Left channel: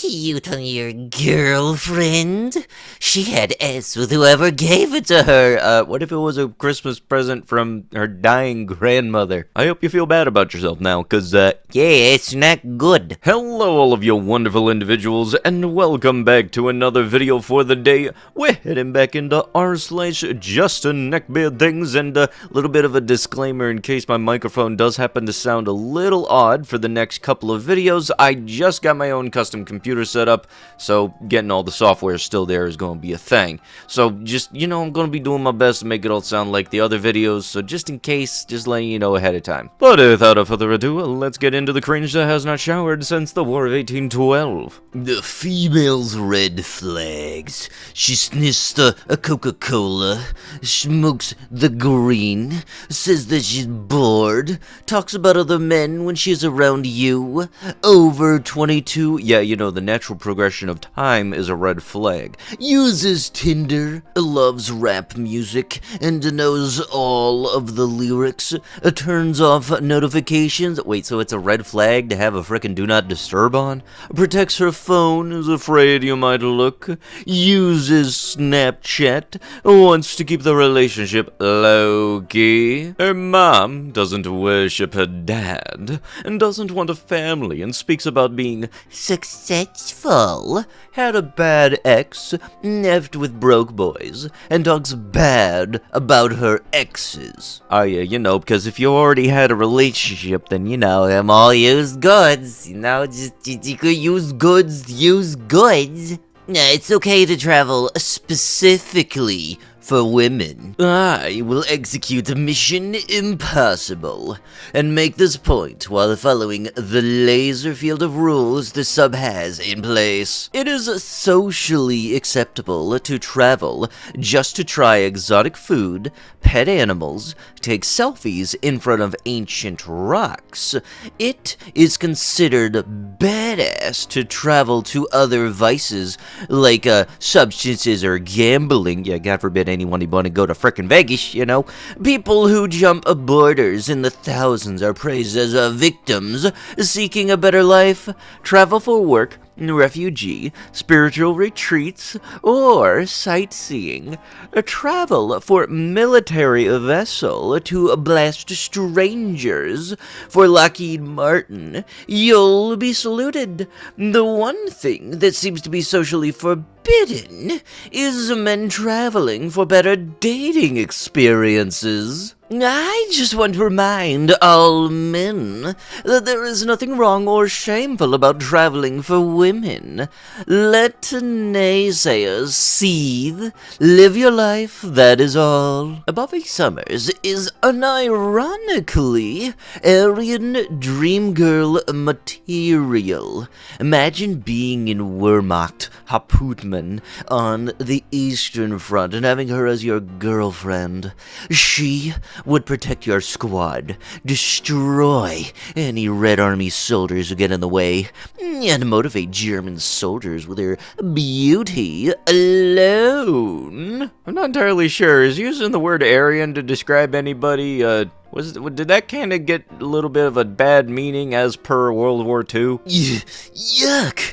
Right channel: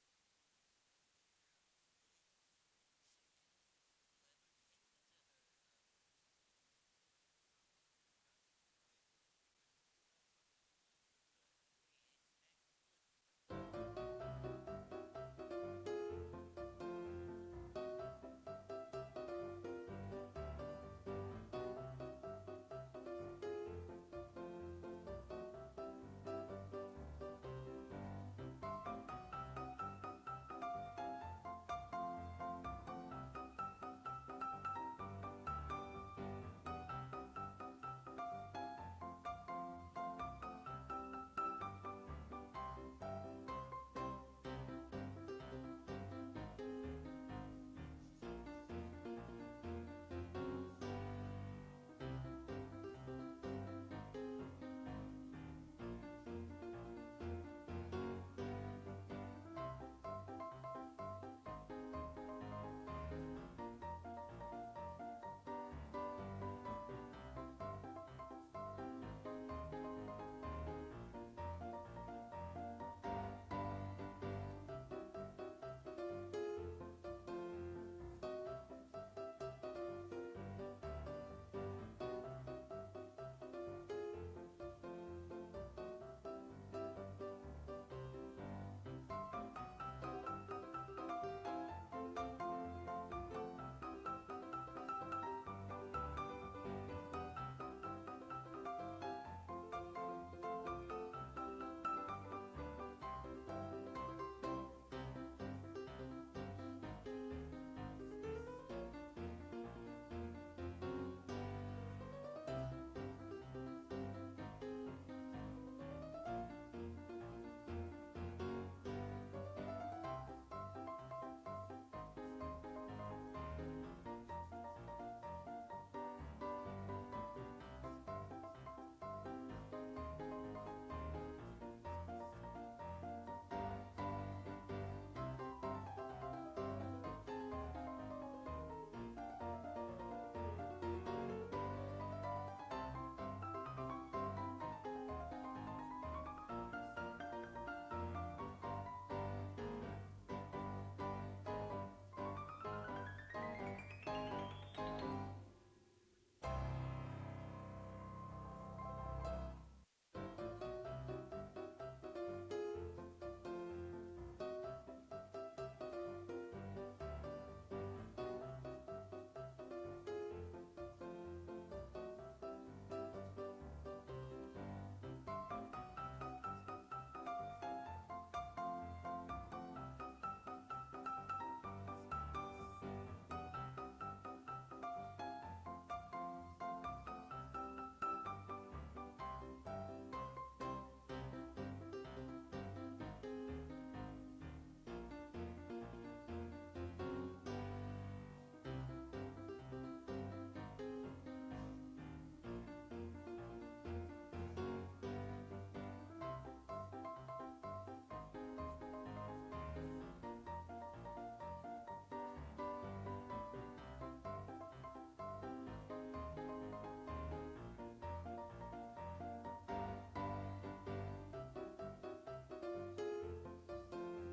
cute on your girlfriend. She had S with whoever gave it to her. What if it was a Christmas present from her dying grandmother? I hope you feel bad about yourself now, cause, Yeah, it's not good. hello all of you wonderful individuals, and welcome back to another video for the day. We're heading back into r/JustneckbeardThings, and a little bit of a disclaimer in case my microphone does happen to sound a little odd for the next couple of videos. I just got my own custom computer set up, so getting all the software still there is going to be a thing. So just, I'm going to be doing my best to make it all sound like the other videos, so just in case, just letting you know ahead of time. But without further ado, let's get into the cringe that has not showered since the War of 1812. The female's red flags. She sniffs a Coca-Cola, smokes the green, says that she's bored, talks about other men when she's around you, over 22, yeah, the natural progression of time is a red flag, uses Tinder, loves rap music, and knows all of the lyrics, turns off notifications. Wait, so it's a red flag to have a frickin' do not disturb on? Protects her phone, is afraid you might look, uses Snapchat, wants to keep the relationship low-key. Her mom doesn't worship her dad, and doesn't want a family, and speaks about being successful. Had a bad ex, effed with broke boys, and talks bad about her exes. Oh yeah, because if you already had a relationship, then them all used goods. Just you could use goods, use goods. It's okay to travel specifically for women. I will execute Mission Impossible and make this point while following the laser field of rules the sub has in place. It is socially acceptable to travel just to try exotic food, pet animals, take selfies in front of ancient rocks. It is considered badass to travel to other vices like substances or gambling. Yeah, God forbid anyone want to go to frickin' Vegas, People who jump borders in the thousands are praised as victims seeking a better life, travel for work, refugee, spiritual retreats, or sightseeing. Travel for military vessel to blast strangers. For Lockheed Martin, you'll be saluted. The one thing that seems to be socially forbidden is men traveling for better dating experiences. I just want to remind all men that there is nothing wrong or shameful about traveling for women. Let naysayers seethe, live your life, that is all. Bobby Summers is unironically Aryan dream girl material. Imagine being in Wehrmacht, Hauptmann, on the Eastern Front and having her as your girlfriend. She would protect your squad, destroy any Red Army soldiers who get in the way, and motivate German soldiers with her beauty alone. I'm not entirely sure. Is using the word Aryan to describe anybody, did that kind of get a little bit of a bad meaning as per World War II? Yuck!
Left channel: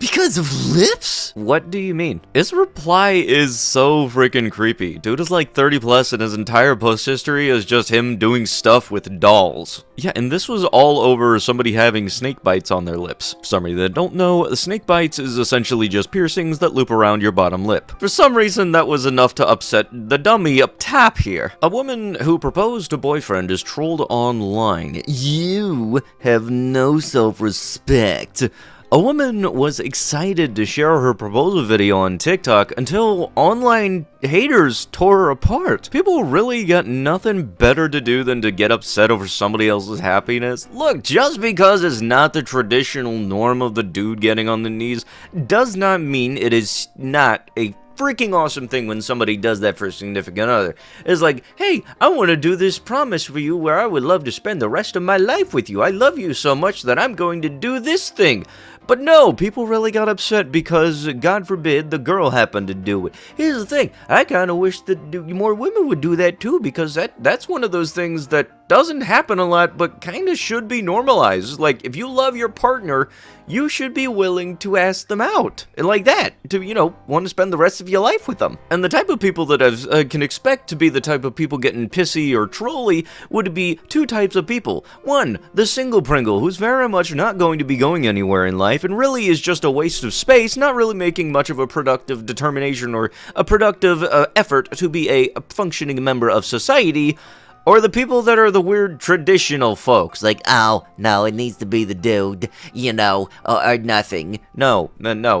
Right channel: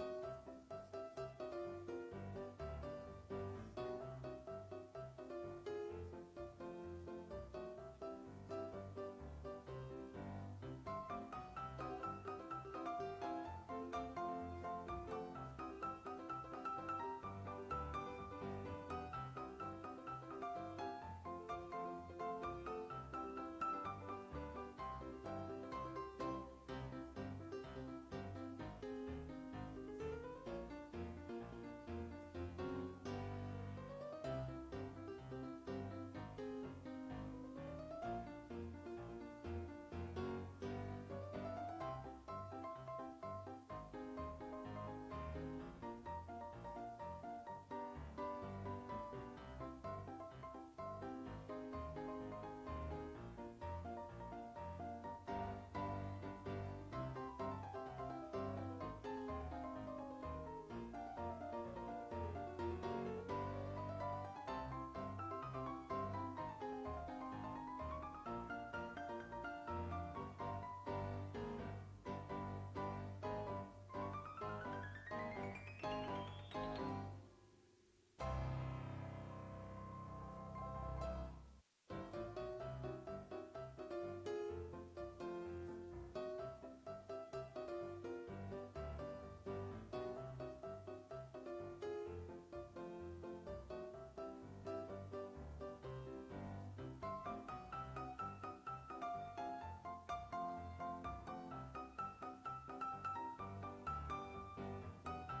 Because of lips? What do you mean? His reply is so freaking creepy. Dude is like 30 plus and his entire post history is just him doing stuff with dolls. Yeah, and this was all over somebody having snake bites on their lips. For some reason that don't know, snake bites is essentially just piercings that loop around your bottom lip. For some reason that was enough to upset the dummy up top here. A woman who proposed to boyfriend is trolled online. You have no self-respect. A woman was excited to share her proposal video on TikTok until online haters tore her apart. People really got nothing better to do than to get upset over somebody else's happiness. Look, just because it's not the traditional norm of the dude getting on the knees does not mean it is not a freaking awesome thing when somebody does that for a significant other. It's like, hey, I want to do this promise for you where I would love to spend the rest of my life with you. I love you so much that I'm going to do this thing. But no, people really got upset because, God forbid, the girl happened to do it. Here's the thing, I kind of wish that more women would do that too, because that's one of those things that doesn't happen a lot, but kinda should be normalized. Like, if you love your partner, you should be willing to ask them out. Like that. To, want to spend the rest of your life with them. And the type of people that I can expect to be the type of people getting pissy or trolly would be two types of people. One, the single Pringle, who's very much not going to be going anywhere in life and really is just a waste of space, not really making much of a productive determination or a productive effort to be a functioning member of society. Or the people that are the weird traditional folks, like, oh, no, it needs to be the dude, or nothing. No.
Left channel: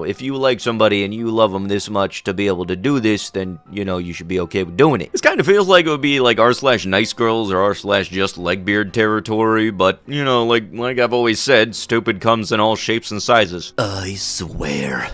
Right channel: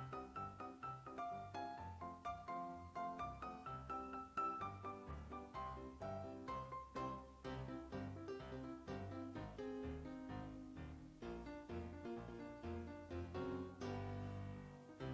If you like somebody and you love them this much to be able to do this, then, you should be okay with doing it. This kind of feels like it would be like r/nice girls or r/just-legbeard territory, but, like I've always said, stupid comes in all shapes and sizes. I swear,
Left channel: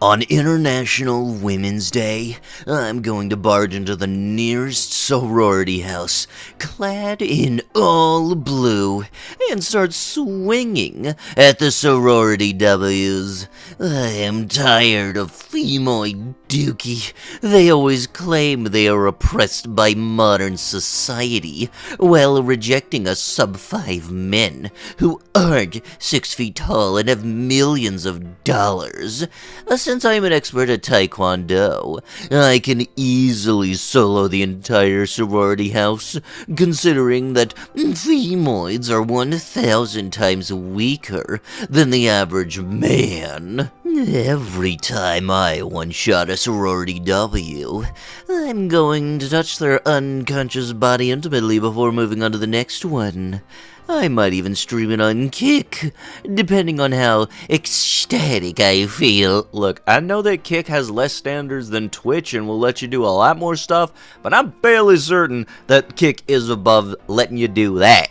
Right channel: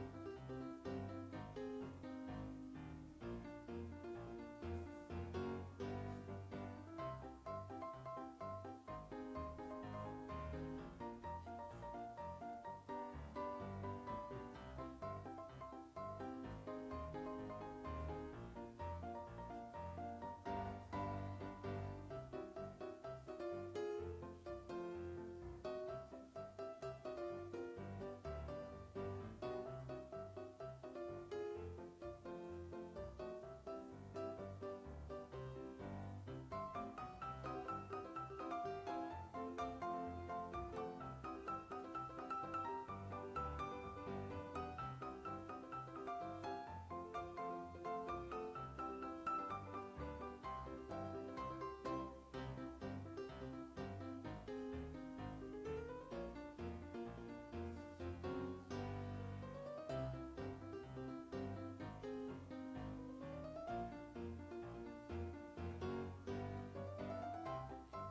on International Women's Day, I'm going to barge into the nearest sorority house, clad in all blue, and start swinging at the sorority W's. I am tired of femoid dookie. They always claim they are oppressed by modern society, while rejecting us sub-5 men who aren't 6 feet tall and have millions of dollars. Since I'm an expert at Taekwondo, I can easily solo the entire sorority house, considering that femoids are 1,000 times weaker than the average man. Every time I one-shot a sorority W, I'm going to touch their unconscious body intimately before moving on to the next one. I might even stream it on Kick, depending on how ecstatic I feel. Look, I know that Kick has less standards than Twitch and will let you do a lot more stuff, but I'm fairly certain that Kick is above letting you do that.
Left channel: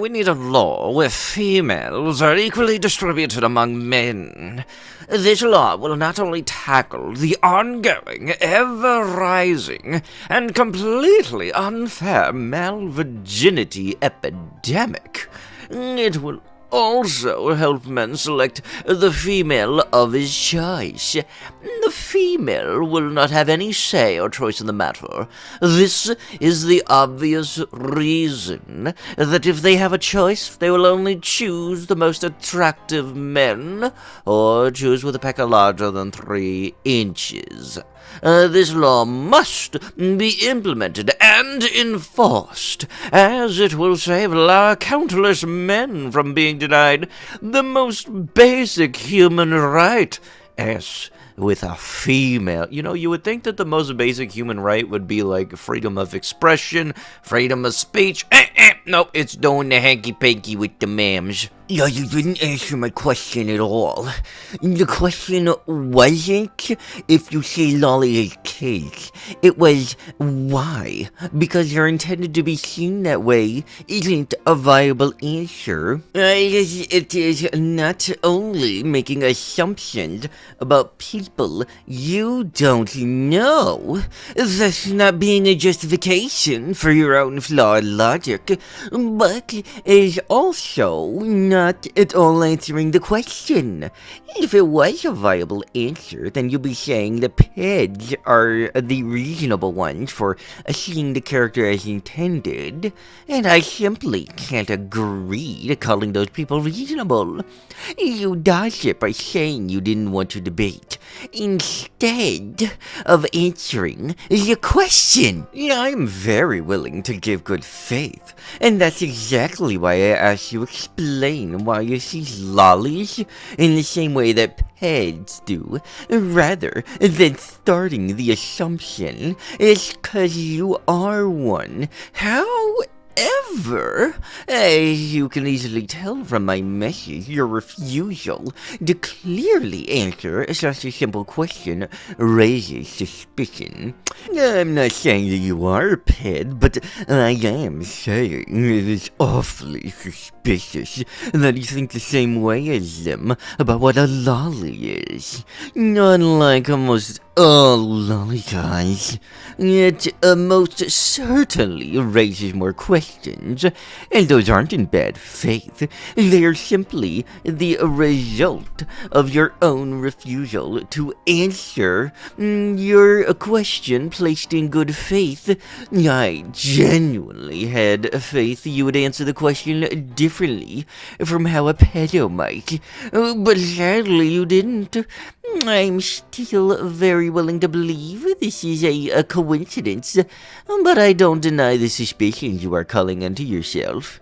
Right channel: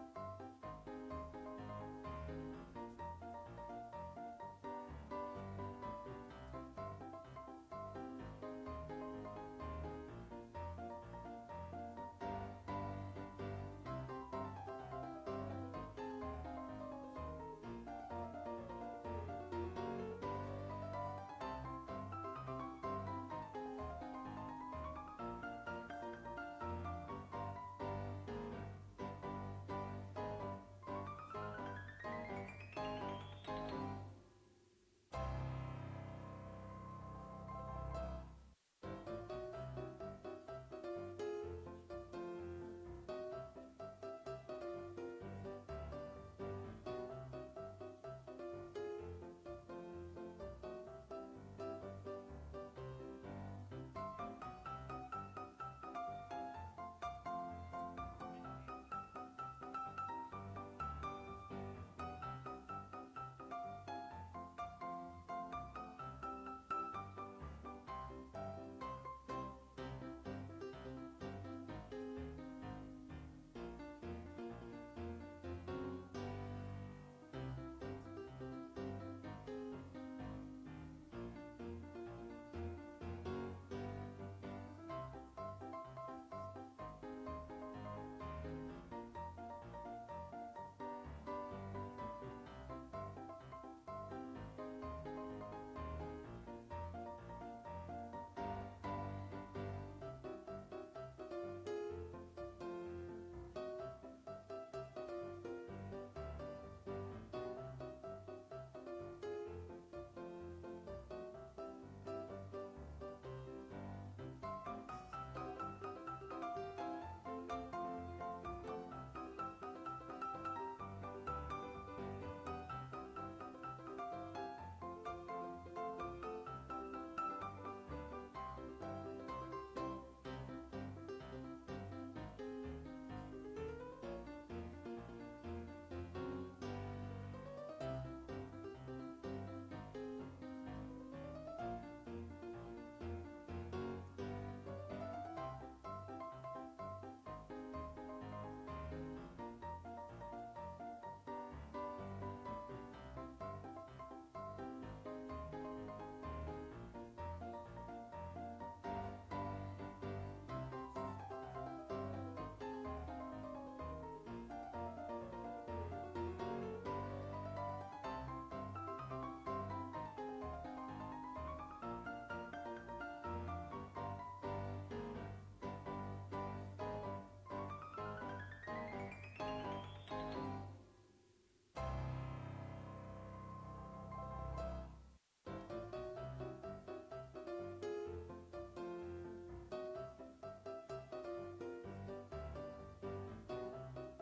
We need a law where females are equally distributed among men. This law will not only tackle the ongoing, ever-rising, and completely unfair male virginity epidemic, it will also help men select the female of his choice. The female will not have any say or choice in the matter. This is the obvious reason that if they have a choice, they will only choose the most attractive men, or choose with a pecker larger than 3 inches. This law must be implemented and enforced, as it will save countless men from being denied the most basic human right, as with a female. You would think that the most basic human right would be like freedom of expression, freedom of speech. Nope, it's doing the hanky-panky with the mams. Yeah, you didn't answer my question at all. The question wasn't if you say lolly is cake. It was why. Because you're intended to be seen that way isn't a viable answer. It is not only making assumptions about people you don't know. That's not being a justification for your own flawed logic, but is also not at all answering the question. If it was a viable answer, then you'd be saying the peds are the reasonable ones for seeing the character as intended, and I simply can't agree to calling those people reasonable. You dodged it by saying you didn't want to debate, instead of answering the question. I'm very willing to give good faith, and that's exactly why I asked you to explain why you see lollies in the same way that peds do, rather than starting the assumption it's 'cause you are one. However, as you can easily tell from my message, your refusal to clearly answer such a simple question raises suspicion. I'm not saying that you are a ped, but I am saying it is awfully suspicious that you think the same way as them about what a lolly is. Unlike almost Oh, lolly guys. It most certainly raises more questions, and those aren't in bad faith. They are simply the result of your own refusal to answer your question placed in good faith. I genuinely had faith you would answer the question differently from how a pedo might, but sadly you didn't. I'm still very willing to believe this is a coincidence, but I don't deny the suspicions you are calling into yourself.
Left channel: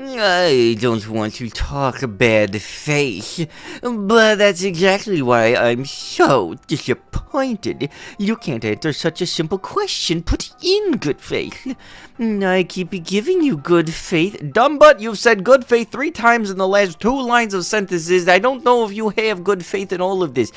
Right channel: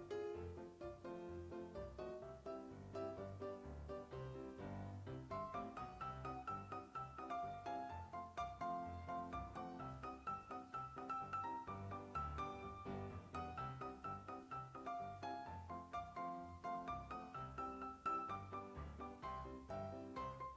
I don't want to talk bad faith, but that's exactly why I'm so disappointed you can't answer such a simple question put in good faith. I keep giving you good faith. Dumb butt, you've said good faith 3 times in the last 2 lines of sentences. I don't know if you have good faith in all of this.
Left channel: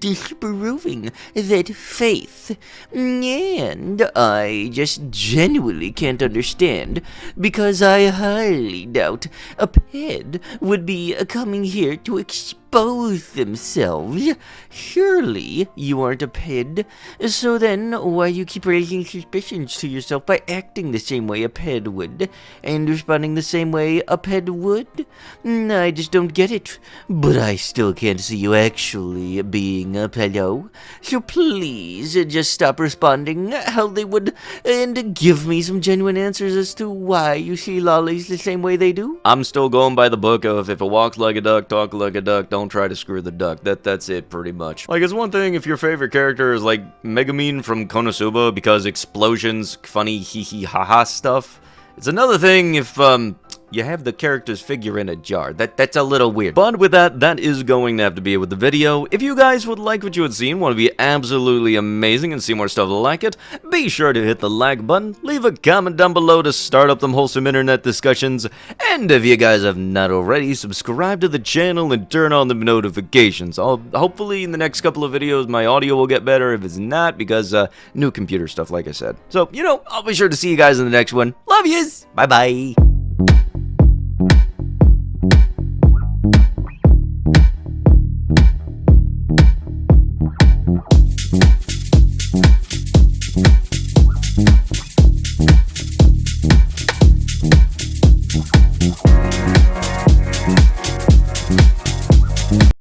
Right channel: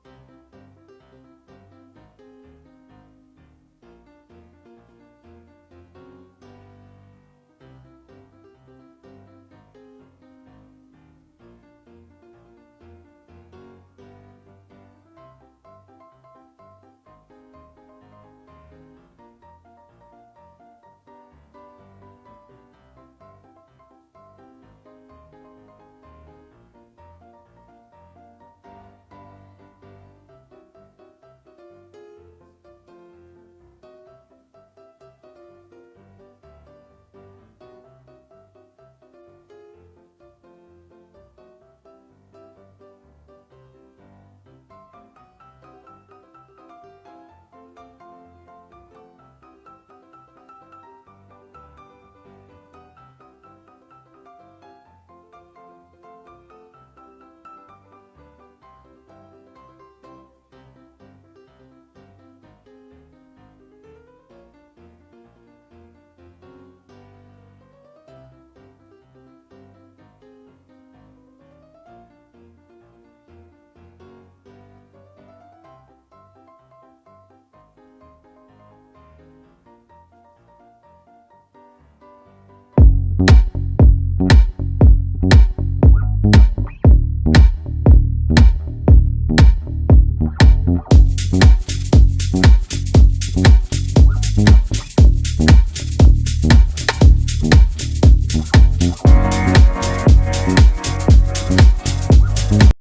Disproving that faith. And I just genuinely can't understand, because I highly doubt a ped would be coming here to expose themselves. Surely you aren't a ped, so then why you keep raising suspicions to yourself by acting the same way a ped would, and responding the same way a ped would? I just don't get it, but I still can't see you actually being a pedo, so please just stop responding how they would and give me some genuine answers as to why you see lollies the same way they do. I'm still going by the book of if it walks like a duck, talk like a duck, don't try to screw the duck. That's it, pretty much. Like, it's one thing if your favorite character is like Megumin from Konosuba because explosions, funny hee hee ha ha stuff. It's another thing if you have the character's figure in a jar. That's a little weird. But with that is going to have to be it with the video. If you guys would like what you had seen, want to be absolutely amazing and see more stuff like it, be sure to hit the like button, leave a comment down below to start up them wholesome internet discussions, and if you guys have not already, subscribe to the channel and turn on the notifications. Hopefully in the next couple of videos my audio will get better. If it's not, because new computer stuff, like I said. So, I'll be sure to see you guys in the next one. Love yous! Bye-bye!